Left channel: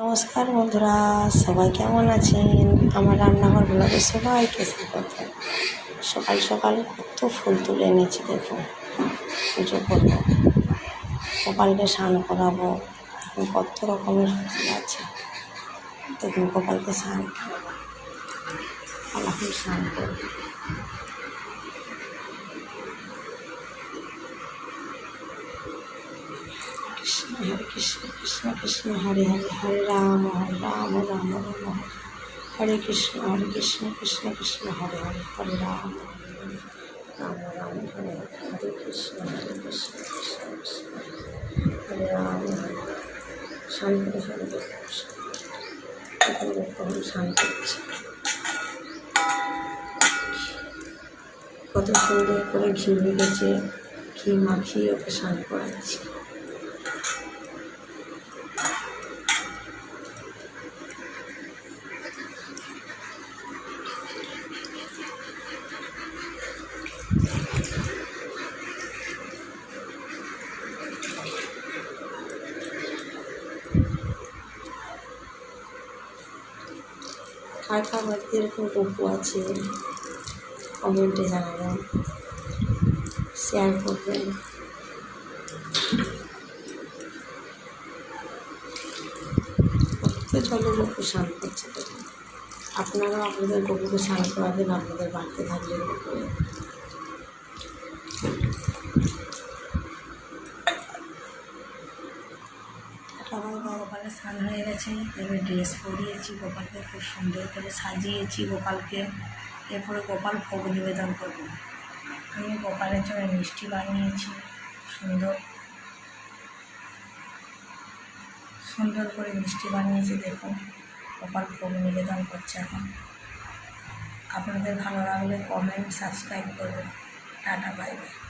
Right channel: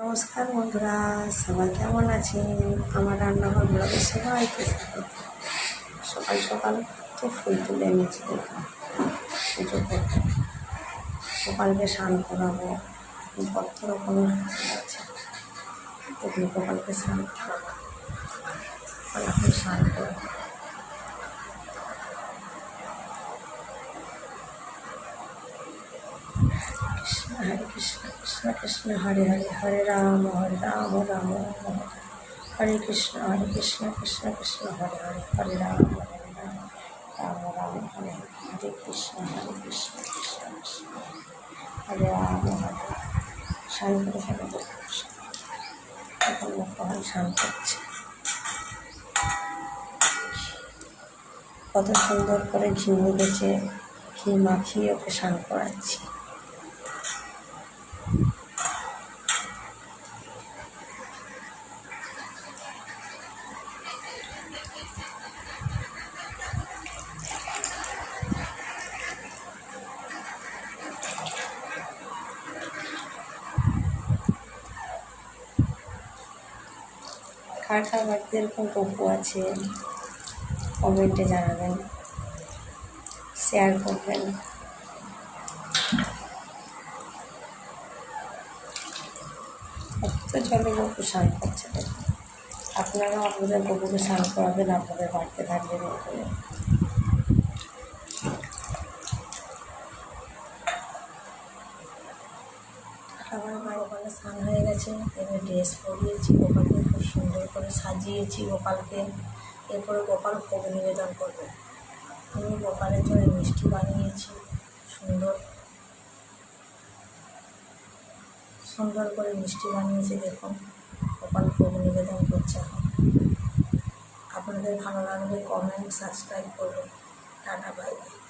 নমস্কার বন্ধুরা, সবাই কেমন আছেন? আমার রান্নাঘর ব্লগে সবাইকে স্বাগত। সকাল সকাল কত ফুল তুলে এনেছি, দেখুন পুজো করবো, গোপালকে স্নান করাবো। এখন কত রকমের ফুল আছে, দেখুন গোপালকে স্নান করাবো। এখন স্নান করবো। কৃষ্ণ হরে কৃষ্ণ কৃষ্ণ কৃষ্ণ হরে হরে, হরে রাম রাম রাম হরে কৃষ্ণ কৃষ্ণ কৃষ্ণ হরে হরে, হরে রাম রাম রাম হরে হরে কৃষ্ণ কৃষ্ণ কৃষ্ণ হরে রাম হরে। শান্তি শান্তি শান্তি হচ্ছে। কত সুন্দর করে ঘি মেখেছে, ঘি মাখিয়ে ওকে স্নান করাচ্ছি। কার কার বাড়িতে এরকম গপু আছে কমেন্টে জানাবেন, শেয়ার করবেন। কত জলে গপু স্নান করছে, দেখুন। আপনারাও আপনাদের গপুকে স্নান করাবেন আপনাদের বাড়িতে থাকলে করে। গোপালের স্নান হয়ে গেছে, এবার ড্রেস পরিয়েছি গোপালকে, খুব সুন্দর করে সাজিয়েছি গোপালকে। এরপরে গোপাল ভোগ নিবেদন করব। আমি গোপালের জন্য মিষ্টি বানিয়েছি, সুন্দর করে মিষ্টি বানিয়েছি, দেখুন গোপাল ভোগ নিবেদন করছে এখন। আপনাদের ভালো লাগলে কমেন্ট সাবস্ক্রাইব করবেন। Tata, bye bye.